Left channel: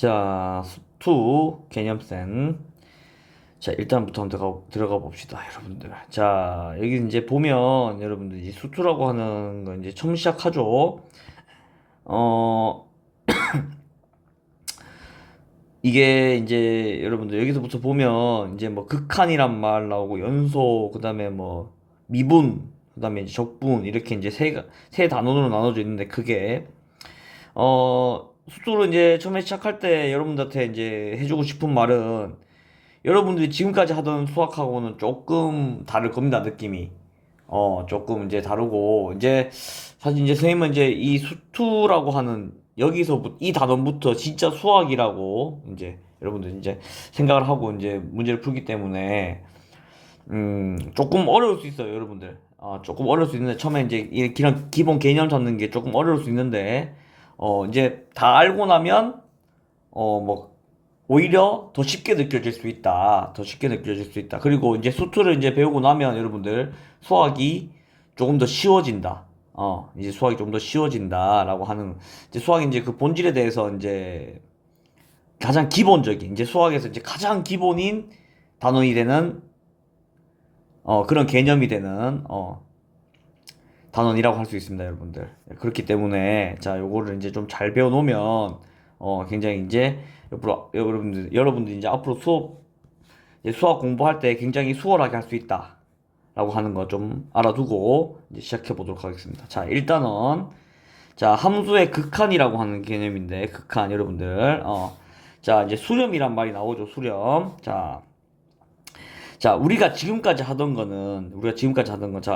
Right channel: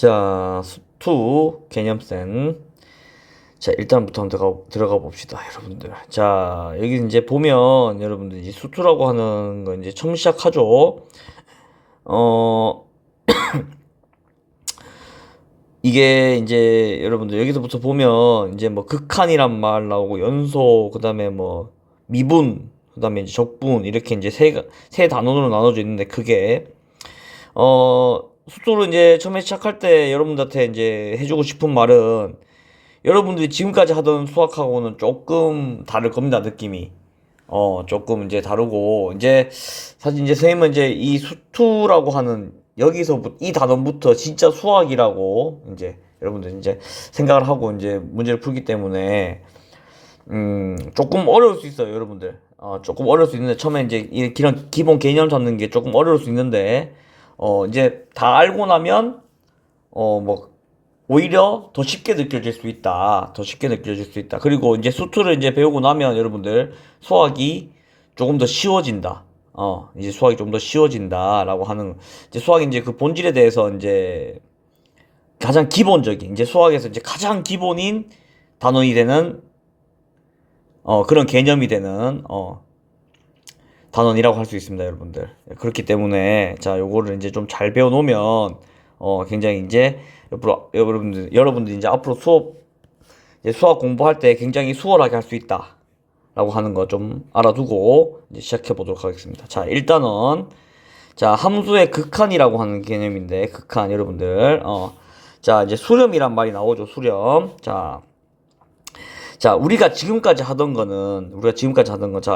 자, 수투 개념센. 자, 일단부터 한번 들어가 봅시다, 여러분들. 자, 여기 이제 보면, 여러분들, 이제 수투라고 하는 거 이제 처음 시작하죠. 어, 이게 이제 여러분들 여기서부터 보면, 이제 뭐 극한이란 말 나오고, 연소, 그 다음에 뭐 미분, 그 다음에 이제 적분, 이렇게 이제 세 단원으로 나눠져 있는데, 그게, 수투를 이제 처음에 시작할 때 여러분들한테 이제 해주고 싶은 말은, 여러분들이 지금까지 하던 수학하고는 조금 다를 겁니다, 느낌이. 조금 이제 다르고, 이제, 사실 이제 선생님은 이제 이 수투라고 하는, 여기서부터, 이 단원부터 진짜 수학이라고, 이제, 여러분들 이제 생각을 하고 이제 문제를 풀기 때문에, 조금 어려울 수 있어요, 여러분들. 조금 어려울 수 있는데, 처음에 이제 이 기본 개념 잡는 게 조금 어려울 수 있는데, 이제 다 알고 나면, 뭐, 오히려 더 쉽게 느껴질 수 있다. 더 쉽게 느껴질 수 있다. 그리고 이제 수투를 이제 배우고 나면 여러분들 수학이 조금 더 쉬워진다. 이제 수학이 좀 더 쉬워진다라고 하는, 이제 수학이 이제 그 본질에 대해서 이제 가장 기본적인, 이제 수학에서 이제 가장 기본인 단원이 되는, 그런 개념이 되는, 단원이라고 할 수 있습니다, 여러분들. 그렇기 때문에, 자, 요거를 이제 좀 잘 배워놓으면, 굉장히 이제, 여러분들 이제 앞으로 이제 수학 공부할 때 굉장히 수월하게 할 수 있다. 라고 하는 거 좀 알아두고, 이제 시작해 보도록 하겠습니다. 자, 일단은, 자, 함수의 극한이라고 하는 개념인데, 극한, 여러분들, 자, 이제 수렴이란 말이 나오죠, 수렴. 자, 자,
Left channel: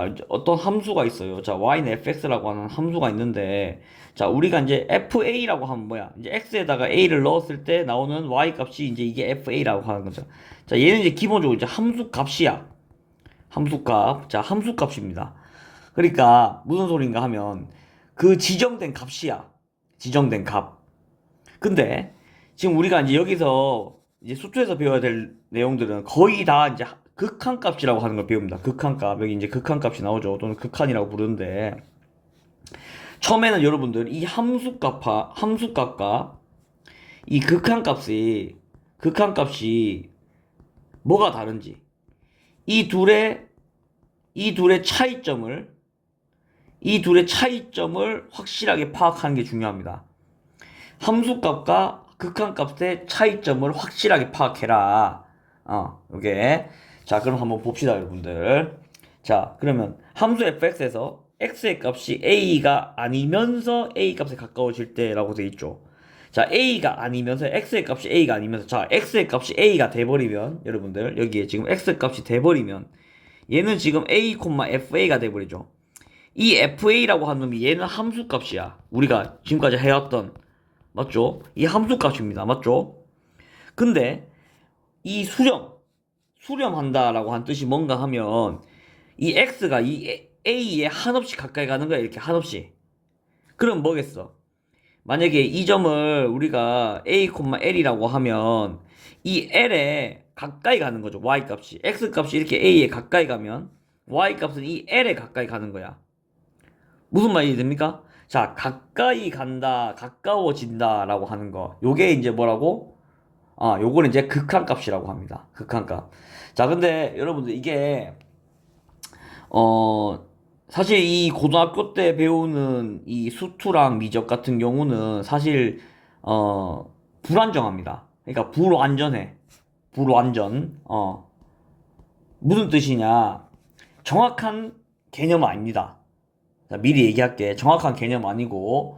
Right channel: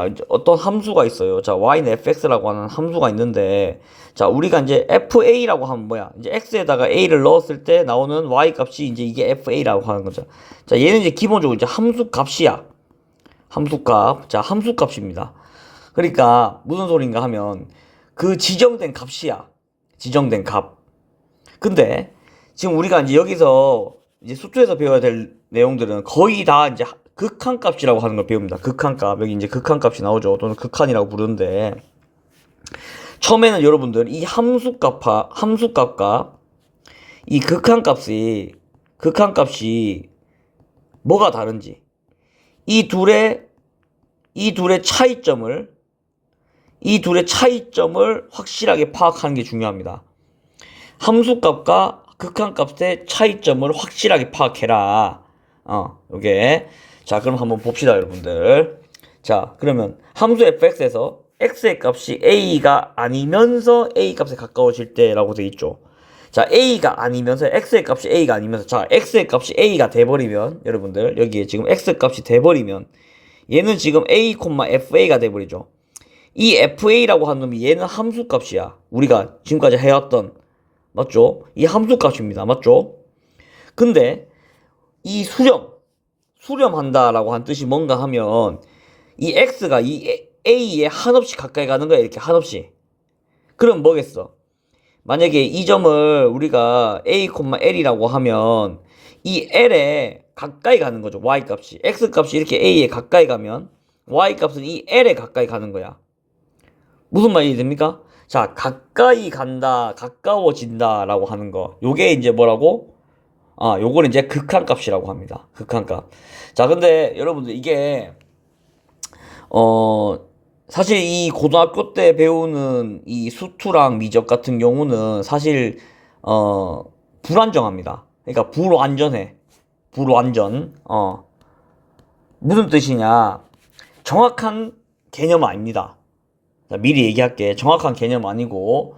이제 어떤 함수가 있어요. 자, y는 fx라고 하는 함수가 있는데, 자, 우리가 이제 fa라고 하면 뭐야? 이제 x에다가 a를 넣었을 때 나오는 y 값이 이제 이게 fa라고 하는 거죠. 자, 얘는 이제 기본적으로 이제 함수 값이야. 함수값. 자, 함수값입니다. 그러니까, 무슨 소린가 하면, 그 지정된 값이야. 지정된 값. 근데, 지금 우리가 이제 여기서, 이제 수투에서 배워야 될 내용들은 거의 다 이제 극한값이라고 하는 걸 배웁니다. 극한값. 여기 이제 극한값이 나오죠. 또는 극한이라고 부르는데, 처음에는 여러분들 이 함수값과 이 극한값이 뭐가 다른지, 이 둘의, 이 둘의 차이점을 확실하게 파악하는 게 중요합니다. 함수값과 극한값의 차이점을 확실하게 파악해라. 요게. 자, 그럼 한번 봅시다, 여러분들. 자, 그러면 함수 fx에서 x의 값이 a가 아니면서 a 값에 가까워질 때라고 돼 있죠. 자, a가 아니면서 x의 값이 a가 아니면서, 자, x의 값이 a가 돼버리면, 여러분들 여기에 지금 x 값이 돼버리면 얘는 지금 a, fa가 돼버리죠. 이 fa라고 하는 놈이 얘는 함수값이야. 우리가 지금까지 해왔던, 맞죠? 이 함수값입니다. 맞죠? 근데 이 수렴한다라고 한 뜻이 뭔가 하면 이 x가 이 a에 한없이 가까이 가는 거야. 이렇게 한없이. 그럼 뭐겠어? 만약에 이 점을 우리가 a, l이라고 하면 이 l에 가까이 가는 거죠. y 값이. x 값이 이렇게 a에 가까이 가면 y 값은 이 l에 가까이 가는 거야. 무슨 말이 됩니까? 자, 가까이 간다, 가까워진다 라고 하는 거. 요게 이제 뭐라고? 요거는 이제 극한값이라고 합니다. 극한값. 자, 근데 여러분들 이게, 어, 사실 이 고등학교 때 배우는 이 수투랑 미적 같은 경우는 사실, 불안정합니다. 그러니까 불완전해. 불완전. 무슨 뜻이냐? 정확한 개념은 아닙니다. 자, 미리 얘기할게. 정확한 개념 아니고,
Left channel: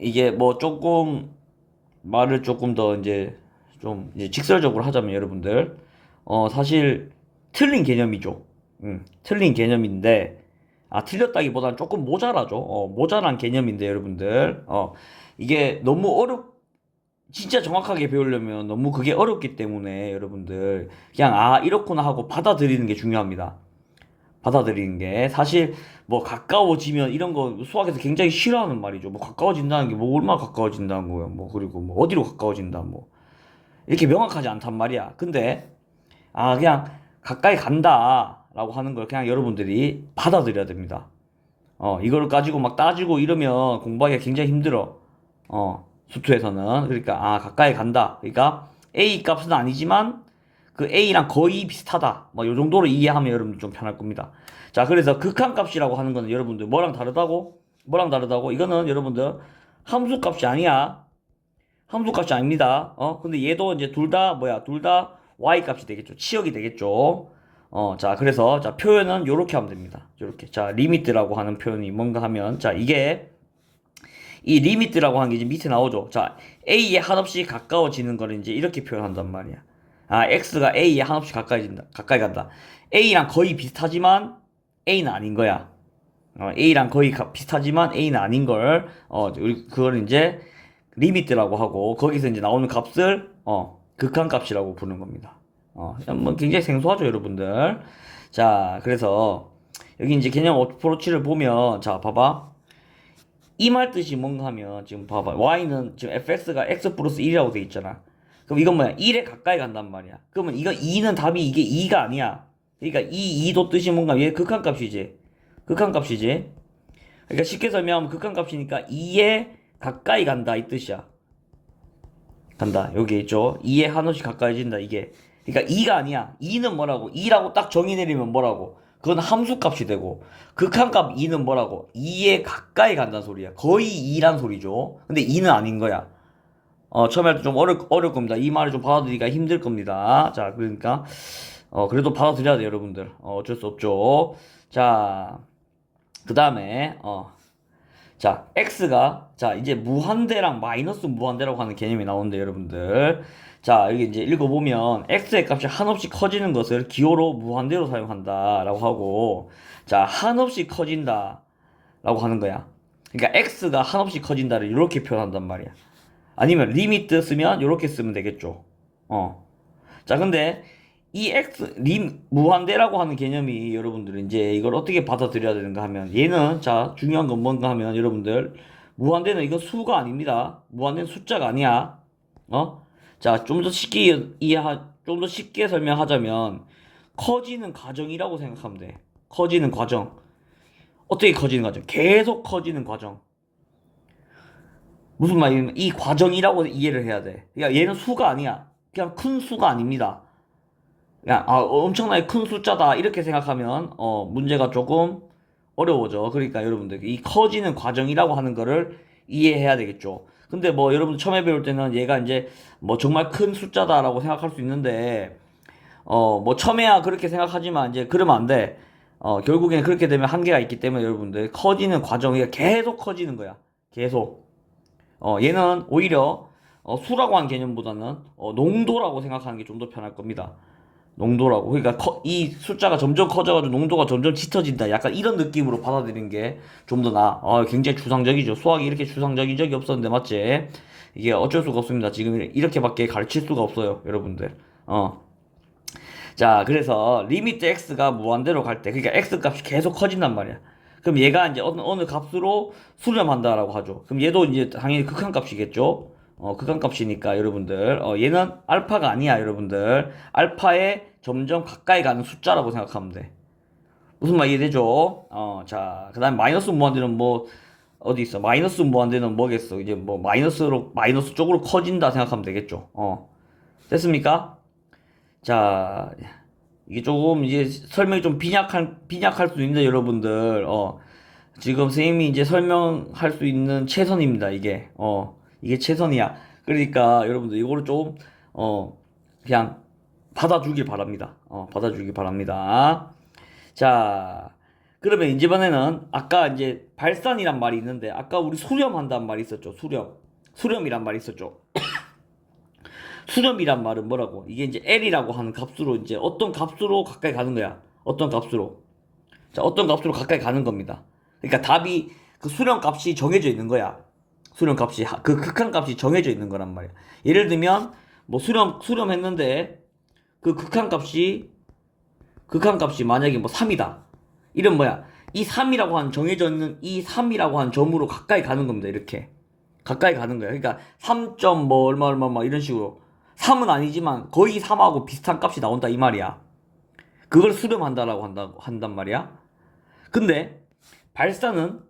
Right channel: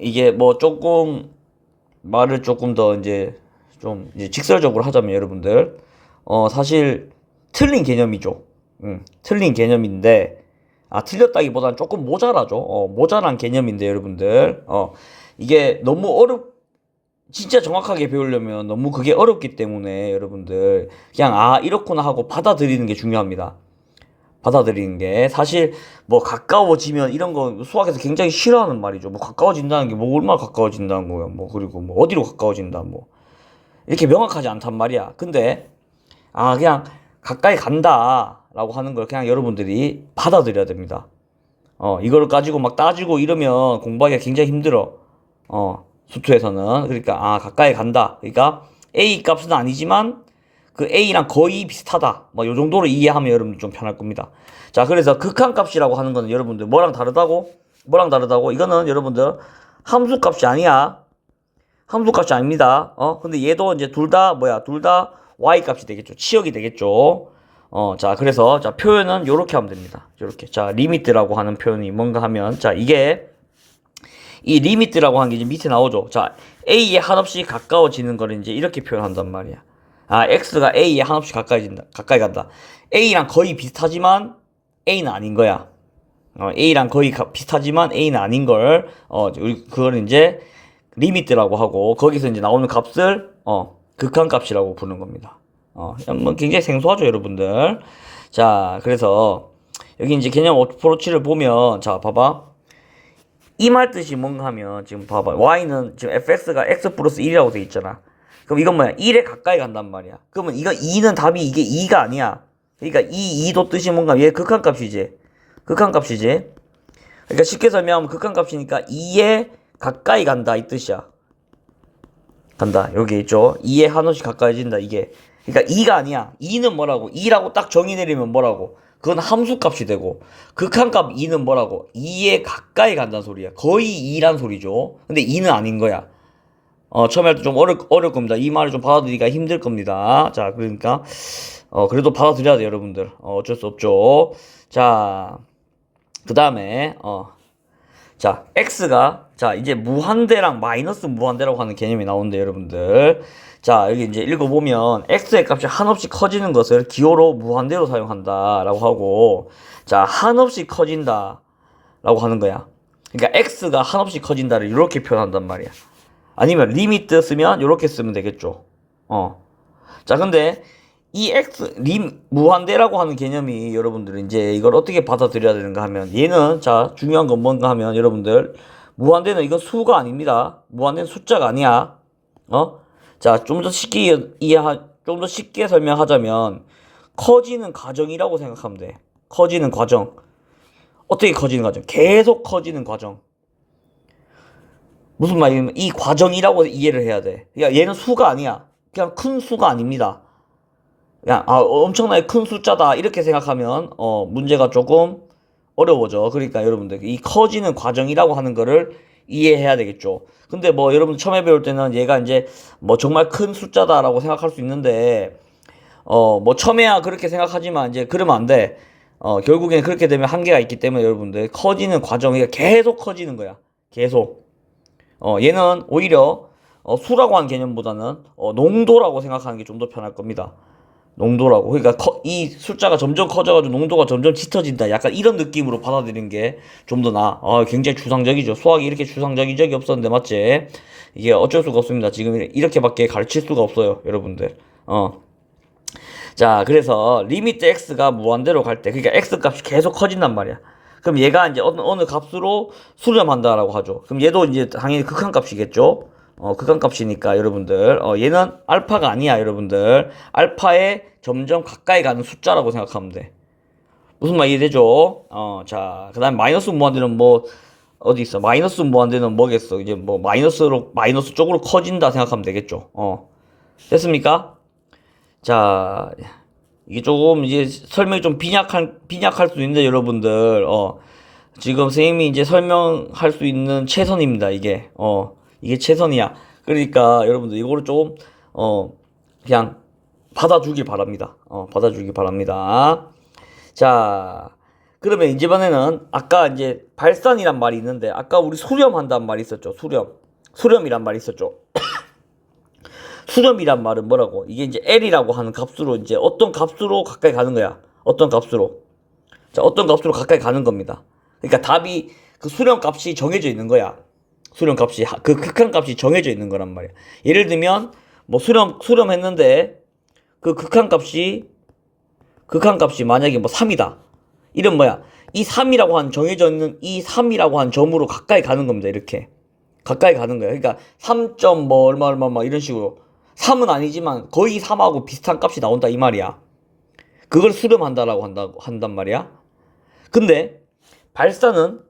이게 뭐 조금, 말을 조금 더 이제, 좀, 이제 직설적으로 하자면 여러분들, 사실, 틀린 개념이죠. 틀린 개념인데, 틀렸다기보다는 조금 모자라죠. 모자란 개념인데, 여러분들, 이게 너무 진짜 정확하게 배우려면 너무 그게 어렵기 때문에, 여러분들, 그냥, 이렇구나 하고 받아들이는 게 중요합니다. 받아들이는 게 사실 뭐 가까워지면 이런 거 수학에서 굉장히 싫어하는 말이죠. 뭐 가까워진다는 게 뭐 얼마나 가까워진다는 거야. 뭐 그리고 뭐 어디로 가까워진다 뭐 이렇게 명확하지 않단 말이야. 근데 그냥 가까이 간다라고 하는 걸 그냥 여러분들이 받아들여야 됩니다. 이걸 가지고 막 따지고 이러면 공부하기가 굉장히 힘들어. 수투에서는. 그러니까 가까이 간다. 그러니까 A 값은 아니지만 그 A랑 거의 비슷하다. 뭐 요 정도로 이해하면 여러분 좀 편할 겁니다. 자, 그래서 극한값이라고 하는 거는 여러분들 뭐랑 다르다고? 뭐랑 다르다고? 이거는 여러분들 함수값이 아니야. 함수값이 아닙니다. 근데 얘도 이제 둘 다 둘 다 y 값이 되겠죠. 치역이 되겠죠. 자, 그래서 자, 표현은 요렇게 하면 됩니다. 요렇게. 자, 리미트라고 하는 표현이 뭔가 하면 자, 이게 이 리미트라고 하는 게 이제 밑에 나오죠. 자, a에 한없이 가까워지는 거를 이제 이렇게 표현한단 말이야. x가 a에 한없이 가까이 간다. a랑 거의 비슷하지만 a는 아닌 거야. a랑 거의 비슷하지만 a는 아닌 걸, 우리 그걸 이제 리미트라고 하고, 거기서 이제 나오는 값을, 극한값이라고 부르는 겁니다. 뭐 굉장히 생소하죠, 여러분들. 자, 그래서, 여기 이제 개념 어프로치를 보면, 자, 봐봐. 이 말 뜻이 뭔가 하면, 지금 봐봐. y는 지금 fx가 x 플러스 1이라고 돼 있잖아. 그럼 이건 뭐야? 1에 가까이 간단 말이야. 그러면 이거 2는 답이 이게 2가 아니야. 그러니까 이 2도 뜻이 뭔가, 얘 극한값이지. 극한값이지. 그러니까 쉽게 설명하면 극한값이니까 2에 가까이 간다 이 뜻이야. 간다. 여기 있죠. 2에 한없이 가까이진다 이게. 그러니까 2가 아니야. 2는 뭐라고? 2라고 딱 정의 내리면 뭐라고? 그건 함수값이 되고 극한값 2는 뭐라고? 2에 가까이 간다는 소리야. 거의 2란 소리죠. 근데 2는 아닌 거야. 처음에 할 때 좀 어려울 겁니다. 이 말을 좀 받아들이기가 힘들 겁니다. 자, 그러니까 그래도 받아들여야 돼 여러분들. 어쩔 수 없죠. 자, 그 다음에 자, x가 자 이제 무한대랑 마이너스 무한대라고 하는 개념이 나오는데 여러분들, 자 여기 이제 읽어보면 x의 값이 한없이 커지는 것을 기호로 무한대로 사용한다 라고 하고, 자 한없이 커진다 라고 하는 거야. 그러니까 x가 한없이 커진다를 이렇게 표현한단 말이야. 아니면 리미트 쓰면 이렇게 쓰면 되겠죠. 자, 근데 이 무한대라고 하는 개념이 여러분들 이제 이걸 어떻게 받아들여야 되는가 하면, 얘는 자 중요한 건 뭔가 하면 여러분들, 무한대는 이건 수가 아닙니다. 무한대는 숫자가 아니야. 자, 좀 더 좀 더 쉽게 설명하자면 커지는 과정이라고 생각하면 돼. 커지는 과정. 어떻게 커지는 과정? 계속 커지는 과정. 무슨 말이냐면 이 과정이라고 이해를 해야 돼. 그러니까 얘는 수가 아니야. 그냥 큰 수가 아닙니다. 그냥 엄청나게 큰 숫자다 이렇게 생각하면 문제가 조금 어려워져. 그러니까 여러분들 이 커지는 과정이라고 하는 거를 이해해야 되겠죠. 근데 뭐 여러분 처음에 배울 때는 얘가 이제 뭐 정말 큰 숫자다라고 생각할 수 있는데, 뭐 처음에야 그렇게 생각하지만 이제 그러면 안 돼. 결국에는 그렇게 되면 한계가 있기 때문에 여러분들 커지는 과정이 계속 커지는 거야. 계속. 얘는 오히려 수라고 하는 개념보다는 농도라고 생각하는 게 좀 더 편할 겁니다. 농도라고. 그러니까 이 숫자가 점점 커져가지고 농도가 점점 짙어진다. 약간 이런 느낌으로 받아들이는 게 좀 더 나아. 굉장히 추상적이죠. 수학이 이렇게 추상적인 적이 없었는데 맞지? 이게 어쩔 수가 없습니다. 지금 이렇게밖에 가르칠 수가 없어요, 여러분들. 자, 그래서 리미트 x가 무한대로 갈 때, 그러니까 x 값이 계속 커진단 말이야. 그럼 얘가 이제 어느 값으로 수렴한다라고 하죠. 그럼 얘도 이제 당연히 극한값이겠죠. 극한값이니까 여러분들, 얘는 알파가 아니야, 여러분들. 알파에 점점 가까이 가는 숫자라고 생각하면 돼. 무슨 말 이해되죠? 자, 그 다음에 마이너스 무한대는 뭐 어디 있어? 마이너스 무한대는 뭐겠어? 이제 뭐 마이너스 쪽으로 커진다 생각하면 되겠죠. 됐습니까? 자, 이게 조금 이제 설명이 좀 빈약할 수 있는데 여러분들, 지금 선생님이 이제 설명할 수 있는 최선입니다. 이게 최선이야. 그러니까 여러분들 이거를 조금 그냥 받아주길 바랍니다. 받아주길 바랍니다. 자, 그러면 이번에는 아까 이제 발산이란 말이 있는데, 아까 우리 수렴한다는 말이 있었죠. 수렴이란 말이 있었죠. 수렴이란 말은 뭐라고? 이게 이제 L이라고 하는 값으로 이제 어떤 값으로 가까이 가는 거야. 어떤 값으로. 자, 어떤 값으로 가까이 가는 겁니다. 그러니까 답이 그 수렴 값이 정해져 있는 거야. 수렴 값이, 그 극한 값이 정해져 있는 거란 말이야. 예를 들면, 뭐 수렴했는데, 그 극한 값이 만약에 뭐 3이다. 이런 뭐야. 이 3이라고 한 정해져 있는 이 3이라고 한 점으로 가까이 가는 겁니다. 이렇게. 가까이 가는 거야. 그러니까 3점 뭐 얼마 막 이런 식으로. 3은 아니지만 거의 3하고 비슷한 값이 나온다 이 말이야. 그걸 수렴한다라고 한단 말이야. 근데 발산은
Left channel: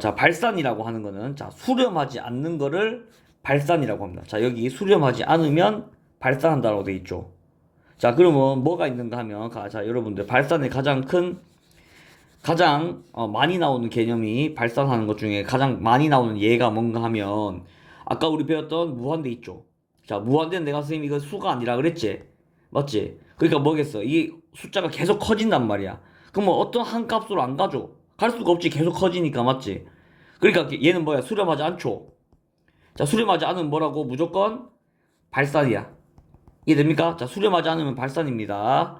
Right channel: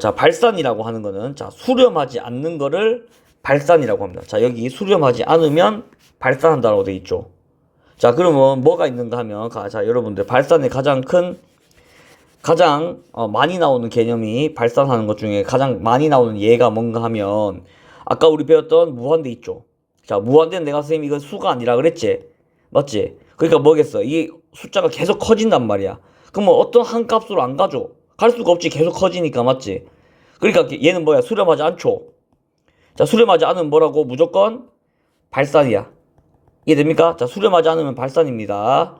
자, 발산이라고 하는 거는, 자, 수렴하지 않는 거를 발산이라고 합니다. 자, 여기 수렴하지 않으면 발산한다고 되어 있죠. 자, 그러면 뭐가 있는가 하면, 자, 여러분들, 발산의 가장 많이 나오는 개념이 발산하는 것 중에 가장 많이 나오는 예가 뭔가 하면, 아까 우리 배웠던 무한대 있죠. 자, 무한대는 내가 선생님 이거 수가 아니라 그랬지? 맞지? 그러니까 뭐겠어? 이 숫자가 계속 커진단 말이야. 그럼 뭐 어떤 한 값으로 안 가죠? 갈 수가 없지. 계속 커지니까, 맞지? 그러니까 얘는 뭐야? 수렴하지 않죠. 자, 수렴하지 않으면 뭐라고? 무조건 발산이야. 이해됩니까? 자, 수렴하지 않으면 발산입니다.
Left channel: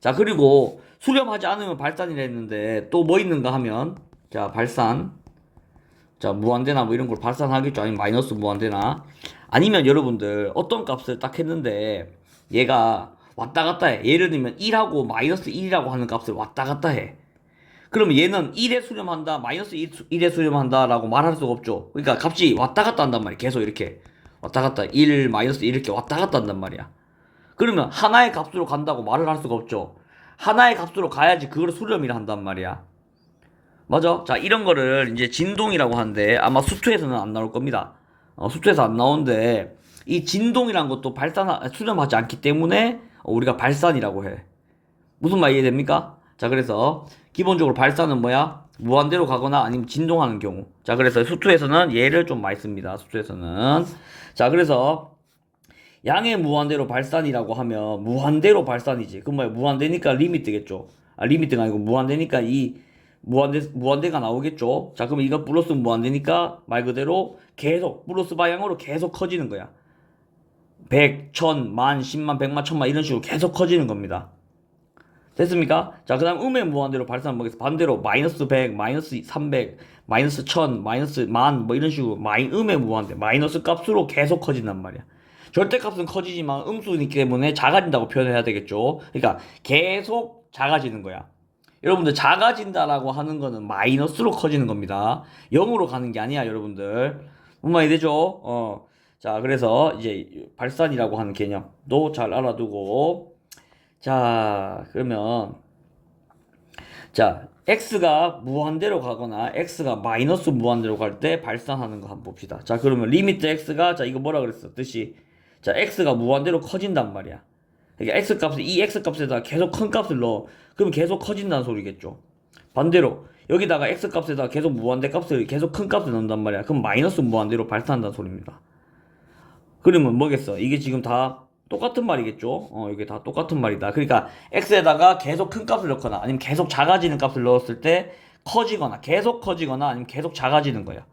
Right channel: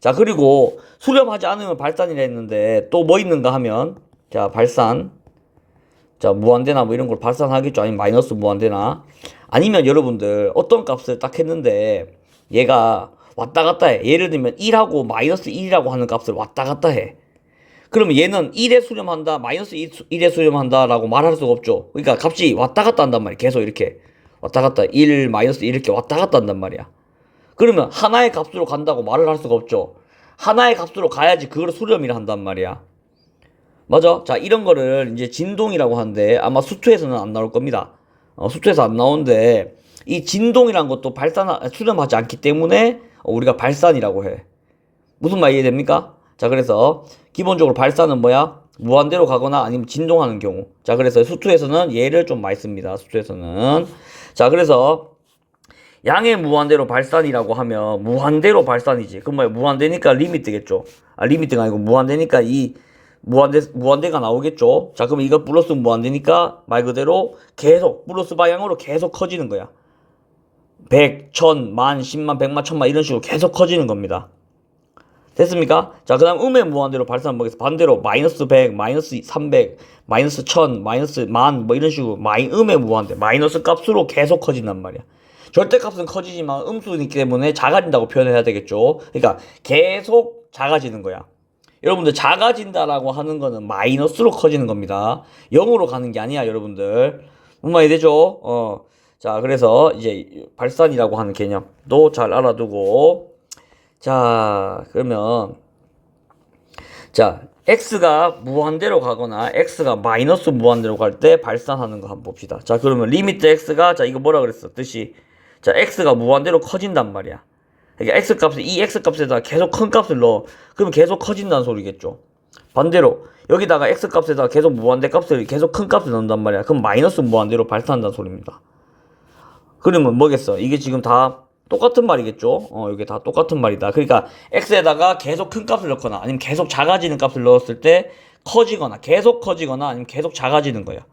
자, 그리고 수렴하지 않으면 발산이라 했는데 또 뭐 있는가 하면, 자, 발산. 자, 무한대나 뭐 이런 걸 발산하겠죠. 아니면 마이너스 무한대나. 아니면 여러분들 어떤 값을 딱 했는데 얘가 왔다 갔다 해. 예를 들면 1하고 마이너스 1이라고 하는 값을 왔다 갔다 해. 그러면 얘는 1에 수렴한다, 마이너스 1에 수렴한다 라고 말할 수가 없죠. 그러니까 값이 왔다 갔다 한단 말이야. 계속 이렇게 왔다 갔다 1, 마이너스 1 이렇게 왔다 갔다 한단 말이야. 그러면 하나의 값으로 간다고 말을 할 수가 없죠. 하나의 값으로 가야지 그걸 수렴이라 한단 말이야. 맞아? 자, 이런 거를 이제 진동이라고 하는데 아마 수투에서는 안 나올 겁니다. 수투에서 안 나오는데 이 진동이란 것도 수렴하지 않기 때문에 우리가 발산이라고 해. 무슨 말 이해됩니까? 자, 그래서 기본적으로 발산은 뭐야? 무한대로 가거나 아니면 진동하는 경우. 자, 그래서 수투에서는 얘를 좀 많이 씁니다. 수투에서는. 자, 그래서 양의 무한대로 발산이라고 하면 무한대로 발산이지. 그럼 뭐야? 무한대니까 리미트겠죠. 리미트가 아니고 무한대니까 이 무한대가 나오겠죠. 자, 그럼 이거 플러스 무한대니까 말 그대로 계속 플러스 방향으로 계속 커지는 거야. 100, 1000, 만, 10만, 100만, 1000만 이런 식으로 계속 커지는 겁니다. 됐습니까? 자, 그 다음 음의 무한대로 발산 보겠습니다. 반대로 마이너스 100, 마이너스 300, 마이너스 1000, 마이너스 만 뭐 이런 식으로 음의 무한대 마이너스 값으로 계속 커진단 말이야. 절대값은 커지지만 음수이기 때문에 작아진다고 표현해야 되겠죠. 그러니까 계속 작아지는 거야. 여러분들 작아진다라고 하는 거는 마이너스로 커지는 겁니다. 0으로 가는 게 아니야, 여러분들. 뭔 말이 되죠? 자, 그래서 이제 발산이라고 하는 개념도 잘 알아두고, 자, 그러면 자, x가 무한대로 가거나 x가 마이너스 무한대로 갈 때 발산하는 거 한번 봅시다. 자, 그러면 리미트 x가, 자, 이거 뭐라 그랬어? 뜻이, 자, x가 무한대로 커진단 말이야. 그러니까 이 x 값에다 계속 큰 값을 넣어. 그러면 계속 커진다는 소리겠죠. 반대로 여기다가 x 값에다 계속 무한대 값을 계속 큰 값을 넣는단 말이야. 그럼 마이너스 무한대로 발산한다는 소리입니다. 그러면 뭐겠어? 이게 지금 다 똑같은 말이겠죠? 이게 다 똑같은 말이다. 그러니까 x에다가 계속 큰 값을 넣거나 아니면 계속 작아지는 값을 넣었을 때 커지거나 계속 커지거나 아니면 계속 작아지는 거야.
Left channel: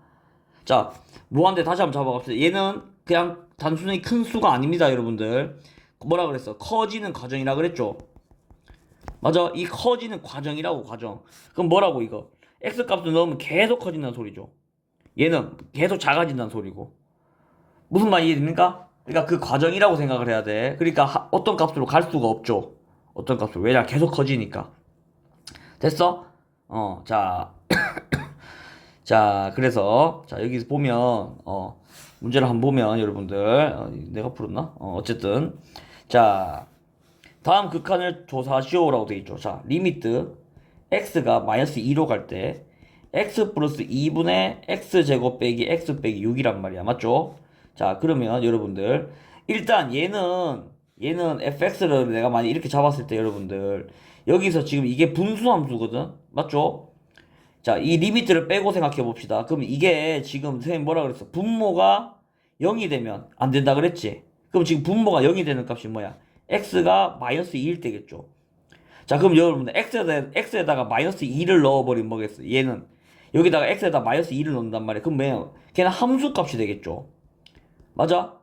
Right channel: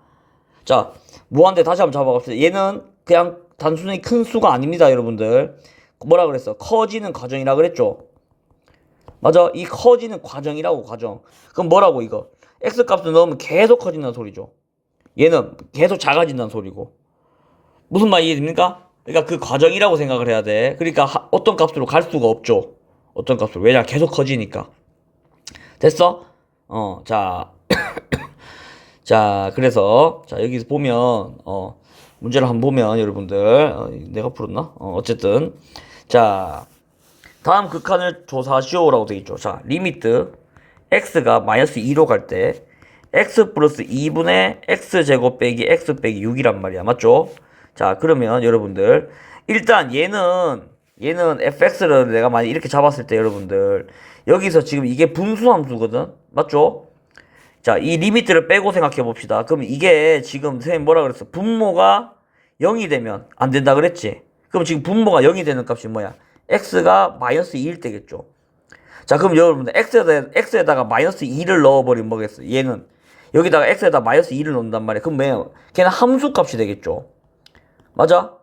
자, 무한대 다시 한번 잡아봅시다. 얘는 그냥 단순히 큰 수가 아닙니다, 여러분들. 뭐라 그랬어? 커지는 과정이라 그랬죠? 맞아. 이 커지는 과정이라고, 과정. 그럼 뭐라고, 이거? x 값을 넣으면 계속 커진다는 소리죠. 얘는 계속 작아진다는 소리고. 무슨 말 이해됩니까? 그러니까 그 과정이라고 생각을 해야 돼. 그러니까 어떤 값으로 갈 수가 없죠. 어떤 값으로. 왜냐? 계속 커지니까. 됐어? 자. 자, 그래서, 자, 여기서 보면, 문제를 한번 보면, 여러분들, 내가 풀었나? 어쨌든. 자, 다음 극한을 조사하시오라고 되어 있죠. 자, 리미트, x가 마이너스 2로 갈 때, x 플러스 2분의 x제곱 빼기 x 빼기 6이란 말이야. 맞죠? 자, 그러면 여러분들 일단 얘는 fx를 내가 만약 이렇게 잡았을 때 여러분들 여기서 지금 이게 분수함수거든. 맞죠? 자, 이 리미트를 빼고 생각해 봅시다. 그럼 이게 지금 선생님 뭐라 그랬어? 분모가 0이 되면 안 된다 그랬지? 그럼 지금 분모가 0이 되는 값이 뭐야? x가 마이너스 2일 때겠죠. 자, 그럼 여러분들 x에다가 마이너스 2를 넣어버리면 뭐겠어? 얘는 여기다가 x에다 마이너스 2를 넣는단 말이야. 그럼 뭐야? 걔는 함수 값이 되겠죠. 맞아?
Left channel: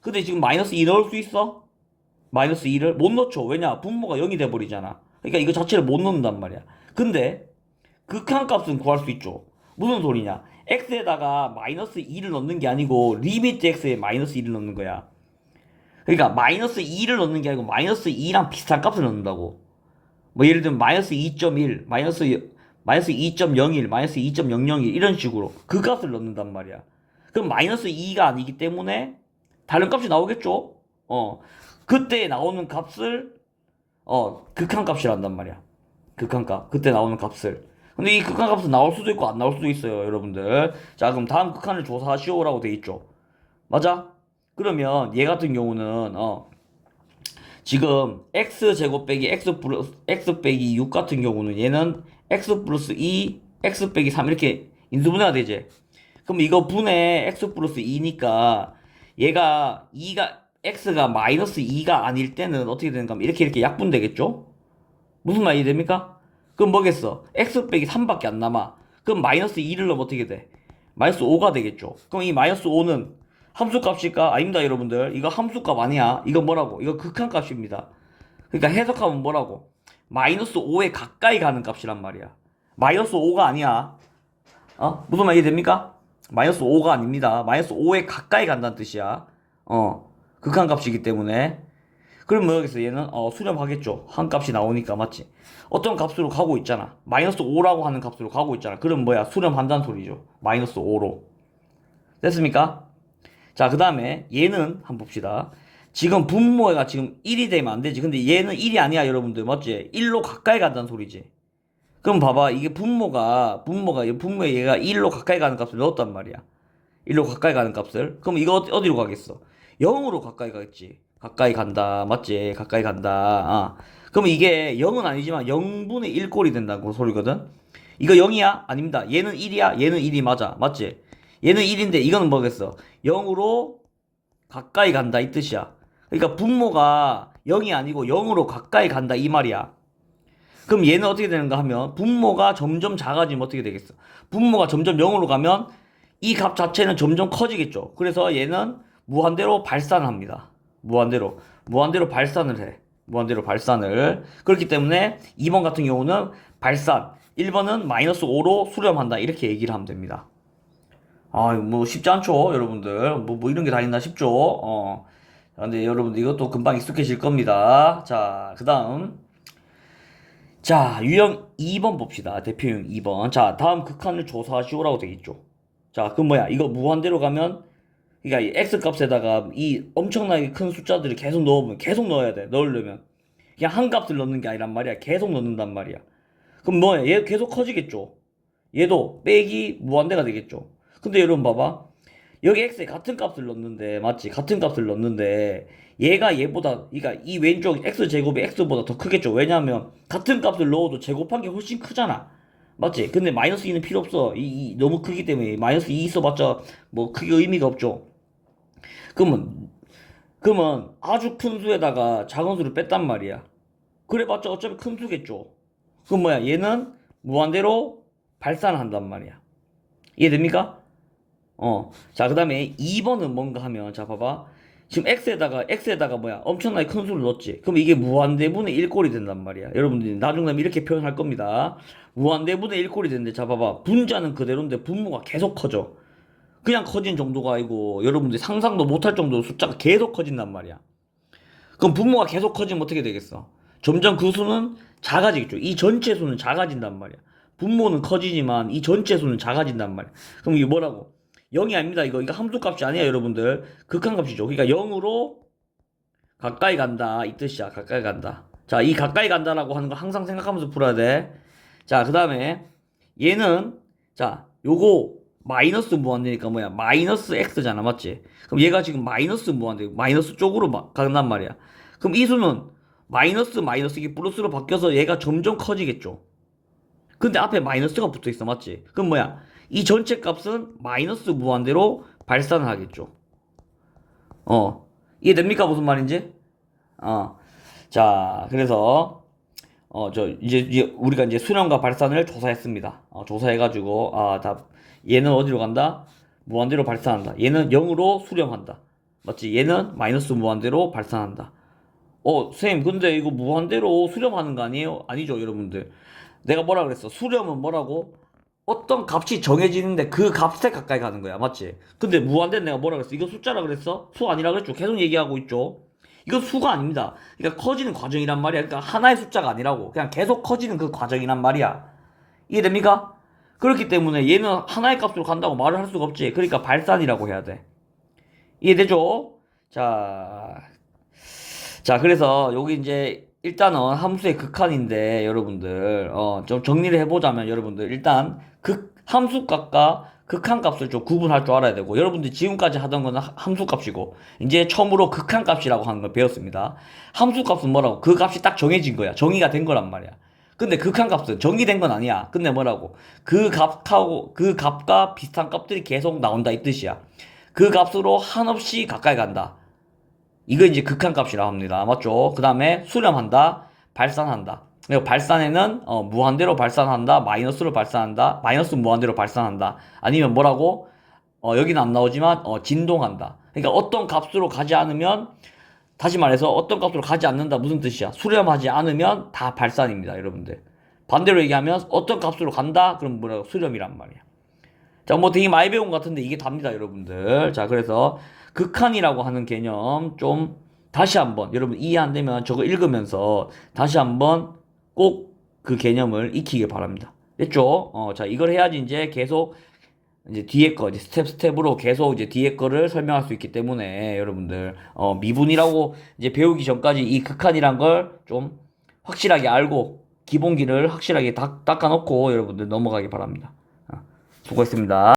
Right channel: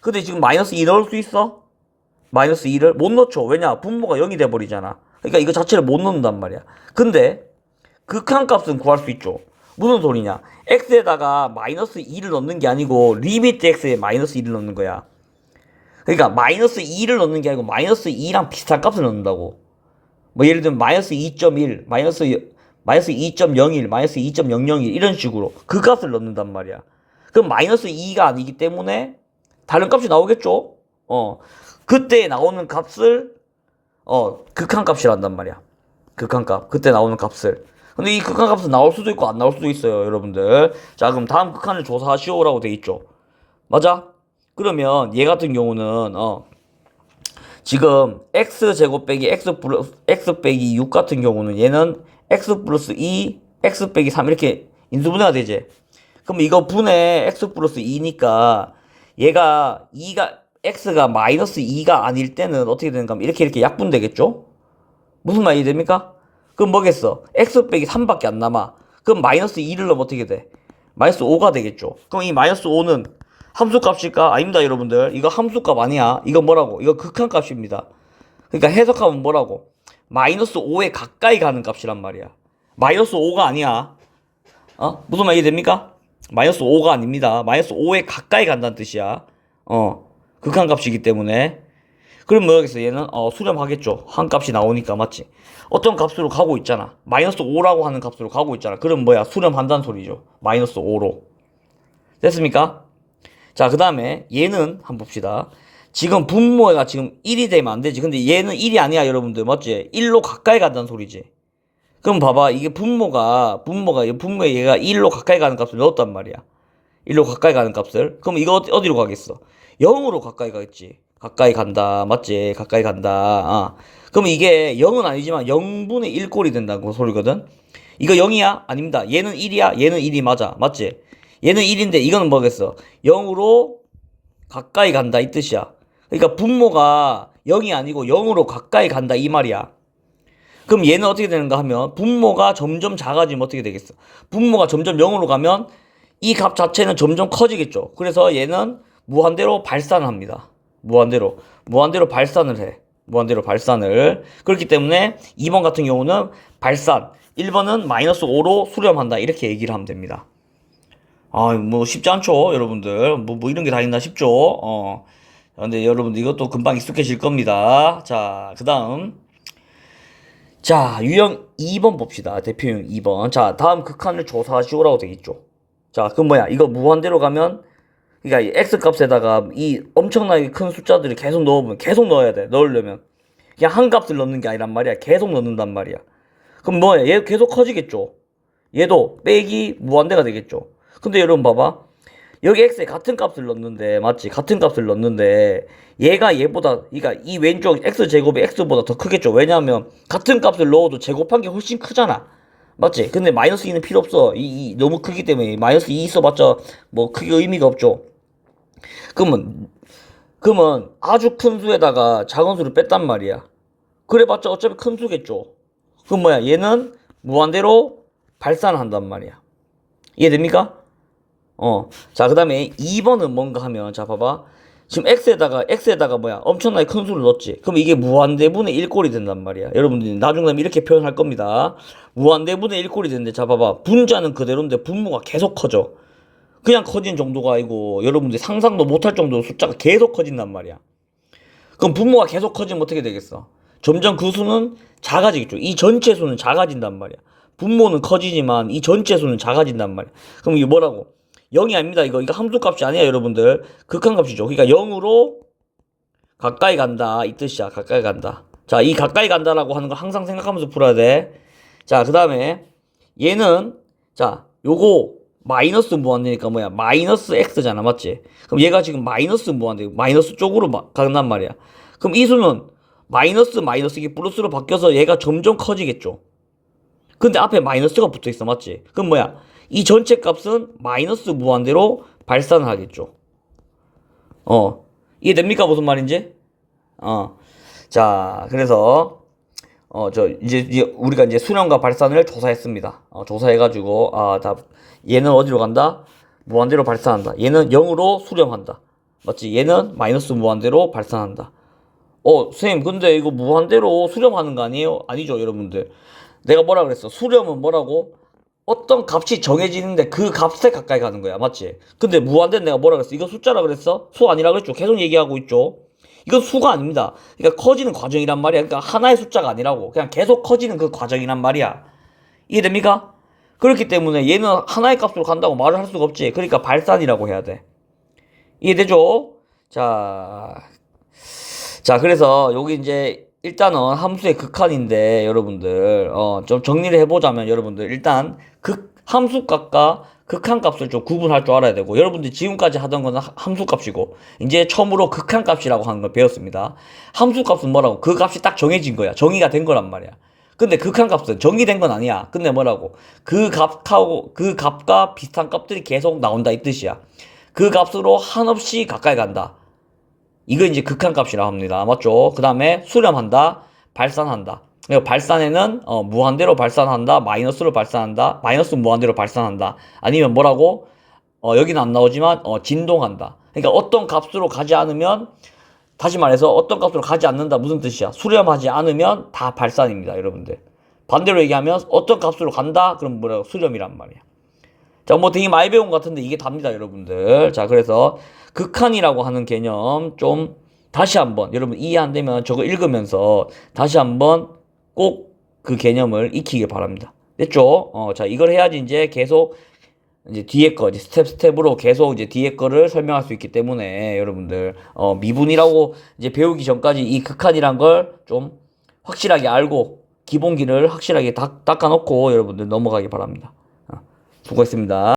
근데 지금 마이너스 2 넣을 수 있어? 마이너스 2를? 못 넣죠. 왜냐? 분모가 0이 돼버리잖아. 그러니까 이거 자체를 못 넣는단 말이야. 근데 극한값은 구할 수 있죠. 무슨 소리냐? x에다가 마이너스 2를 넣는 게 아니고 리미트 x에 마이너스 2를 넣는 거야. 그러니까 마이너스 2를 넣는 게 아니고 마이너스 2랑 비슷한 값을 넣는다고. 뭐 예를 들면 마이너스 2.1, 마이너스 2.01, 마이너스 2.001 이런 식으로 그 값을 넣는단 말이야. 그럼 마이너스 2가 아니기 때문에 다른 값이 나오겠죠? 그때 나오는 값을 극한값이란단 말이야. 극한값. 그때 나오는 값을. 근데 이 극한값은 나올 수도 있고 안 나올 수도 있어요, 여러분들. 자, 그럼 다음 극한을 조사하시오라고 돼 있죠. 맞아? 그러면 얘 같은 경우는 지금 x제곱 빼기 x 빼기 6 같은 경우는 얘는 x 플러스 2, x 빼기 3 이렇게 인수분해가 되지. 그럼 이거 분의 x 플러스 2니까 얘가 x가 마이너스 2가 아닐 때는 어떻게 되는가 하면 이렇게 약분되겠죠? 무슨 말이 됩니까? 그럼 뭐겠어? x 빼기 3밖에 안 남아. 그럼 마이너스 2를 넣으면 어떻게 돼? 마이너스 5가 되겠죠. 그럼 이 마이너스 5는 함수값일까? 아닙니다, 여러분들. 이거 함수값 아니야. 이거 뭐라고? 이거 극한값입니다. 그러니까 해석하면 뭐라고? 마이너스 5에 가까이 가는 값이란 말이야. 마이너스 5가 아니야. 무슨 말이 됩니까? 마이너스 5가 아닙니다. 마이너스 5에 가까이 간다는 뜻이야. 극한값이기 때문에. 그럼 뭐겠어? 얘는 수렴하겠죠. 한 값이 나오니까 맞지? 어떤 값으로 가고 있잖아. 마이너스 5라고 하는 값으로 가고 있잖아. 그럼 뭐야? 수렴한다는 소리죠. 마이너스 5로. 됐습니까? 자, 그 다음에 얘는 한번 봅시다. 지금 분모가 지금 1이 되면 안 되지. 근데 얘는 1이 아니야, 여러분들. 맞지? 1로 가까이 간다는 소리지. 그럼 봐봐. 이게 분모에 얘가 1로 가까이 가는 값을 넣었단 말이야. 1로 가까이 가는 값을. 그럼 이거 어디로 가겠어? 0으로 가까이 가겠지. 가까이 간다. 맞지? 가까이 간다. 그럼 이게 0은 아니지만 0분의 1꼴이 된다는 소리거든. 이거 0이야? 아닙니다. 얘는 1이야? 얘는 1이 맞아. 맞지? 얘는 1인데 이거는 뭐겠어? 0으로 가까이 간다 이 뜻이야. 그러니까 분모가 0이 아니고 0으로 가까이 간다 이 말이야. 그럼 얘는 어떻게 되는가 하면 분모가 점점 작아지면 어떻게 되겠어? 분모가 점점 0으로 가면 이 값 자체는 점점 커지겠죠. 그래서 얘는 무한대로 발산합니다. 무한대로 발산을 해. 무한대로 발산을. 그렇기 때문에 2번 같은 경우는 발산, 1번은 마이너스 5로 수렴한다 이렇게 얘기를 하면 됩니다. 뭐 쉽지 않죠, 여러분들. 뭐 이런 게 다 있나 싶죠. 근데 여러분들 이것도 금방 익숙해질 겁니다. 자, 그 다음. 자, 유형 2번 봅시다. 대표형 2번. 자, 다음 극한을 조사하시오라고 되겠죠. 자, 그럼 뭐야? 이거 무한대로 가면, 그러니까 이 x값에다가 이 엄청나게 큰 숫자들을 계속 넣으면, 계속 넣어야 돼. 넣으려면. 그냥 한 값을 넣는 게 아니란 말이야. 계속 넣는단 말이야. 그럼 뭐야? 얘 계속 커지겠죠. 얘도 빼기 무한대가 되겠죠. 근데 여러분 봐봐. 여기 x에 같은 값을 넣는데, 맞지? 같은 값을 넣는데, 얘가 얘보다, 그러니까 이 왼쪽 x제곱이 x보다 더 크겠죠. 왜냐하면, 같은 값을 넣어도 제곱한 게 훨씬 크잖아. 맞지? 근데 마이너스 2는 필요 없어. 너무 크기 때문에, 마이너스 2 있어봤자, 뭐, 크게 의미가 없죠. 그러면 아주 큰 수에다가 작은 수를 뺐단 말이야. 그래봤자 어차피 큰 수겠죠. 그럼 뭐야? 얘는 무한대로 발산한단 말이야. 이해됩니까? 자, 그 다음에 2번은 뭔가 하면, 자, 봐봐. 지금 x에다가 뭐야? 엄청나게 큰 수를 넣었지. 그럼 이게 무한대분의 1꼴이 된단 말이야. 여러분들이 나중에 이렇게 표현할 겁니다. 무한대분의 1꼴이 되는데, 자, 봐봐. 분자는 그대로인데 분모가 계속 커져. 그냥 커진 정도가 아니고, 여러분들이 상상도 못할 정도로 숫자가 계속 커진단 말이야. 그럼 분모가 계속 커지면 어떻게 되겠어? 점점 그 수는 작아지겠죠. 이 전체 수는 작아진단 말이야. 분모는 커지지만 이 전체 수는 작아진단 말이야. 그럼 이게 뭐라고? 0이 아닙니다. 이거 함수값이 아니야, 여러분들. 극한값이죠. 그러니까 0으로 가까이 간다 이 뜻이야. 가까이 간다. 자, 이 가까이 간다라고 하는 거 항상 생각하면서 풀어야 돼. 자, 그 다음에 얘는, 자, 요거 마이너스 무한대니까 뭐야? 마이너스 x잖아, 맞지? 그럼 얘가 지금 마이너스 무한대, 마이너스 쪽으로 간단 말이야. 그럼 이 수는 마이너스 이게 플러스로 바뀌어서 얘가 점점 커지겠죠. 근데 앞에 마이너스가 붙어 있어, 맞지? 그럼 뭐야? 이 전체 값은 마이너스 무한대로 발산을 하겠죠. 이해됩니까? 무슨 말인지? 자, 그래서, 이제 우리가 이제 수렴과 발산을 조사했습니다. 조사해가지고, 얘는 어디로 간다? 무한대로 발산한다. 얘는 0으로 수렴한다. 맞지? 얘는 마이너스 무한대로 발산한다. 선생님, 근데 이거 무한대로 수렴하는 거 아니에요? 아니죠, 여러분들. 내가 뭐라 그랬어? 수렴은 뭐라고? 어떤 값이 정해지는데 그 값에 가까이 가는 거야. 맞지? 근데 무한대는 내가 뭐라 그랬어? 이거 숫자라 그랬어? 수 아니라 그랬죠? 계속 얘기하고 있죠? 이건 수가 아닙니다. 그러니까 커지는 과정이란 말이야. 그러니까 하나의 숫자가 아니라고. 그냥 계속 커지는 그 과정이란 말이야. 이해됩니까? 그렇기 때문에 얘는 하나의 값으로 간다고 말을 할 수가 없지. 그러니까 발산이라고 해야 돼. 이해되죠? 자, 그래서 여기 이제 일단은 함수의 극한인데 여러분들 좀 정리를 해보자면 여러분들 일단 함수값과 극한값을 좀 구분할 줄 알아야 되고 여러분들 지금까지 하던 거는 함수값이고 이제 처음으로 극한값이라고 하는 걸 배웠습니다. 함수값은 뭐라고? 그 값이 딱 정해진 거야. 정의가 된 거란 말이야. 근데 극한값은 정의된 건 아니야. 근데 뭐라고? 그 값과 비슷한 값들이 계속 나온다 이 뜻이야. 그 값으로 한없이 가까이 간다. 이거 이제 극한값이라고 합니다. 맞죠? 그 다음에 수렴한다, 발산한다. 그리고 발산에는 무한대로 발산한다, 마이너스로 발산한다, 마이너스 무한대로 발산한다. 아니면 뭐라고? 여기는 안 나오지만 진동한다. 그러니까 어떤 값으로 가지 않으면 다시 말해서 어떤 값으로 가지 않는다 무슨 뜻이야? 수렴하지 않으면 다 발산입니다, 여러분들. 반대로 얘기하면 어떤 값으로 간다? 그럼 뭐라고? 수렴이란 말이야. 자, 뭐 되게 많이 배운 것 같은데 이게 답니다, 여러분들. 자, 그래서 극한이라고 하는 개념 좀 다시 한번 여러분 이해 안 되면 저거 읽으면서 다시 한번 꼭 그 개념을 익히길 바랍니다. 됐죠? 자, 이걸 해야지 이제 계속 이제 뒤에 거 이제 스텝으로 계속 이제 뒤에 거를 설명할 수 있기 때문에 여러분들 미분이라고 이제 배우기 전까지 이 극한이란 걸 좀 확실하게 알고 기본기를 확실하게 닦아놓고 여러분들 넘어가기 바랍니다. 수고했습니다.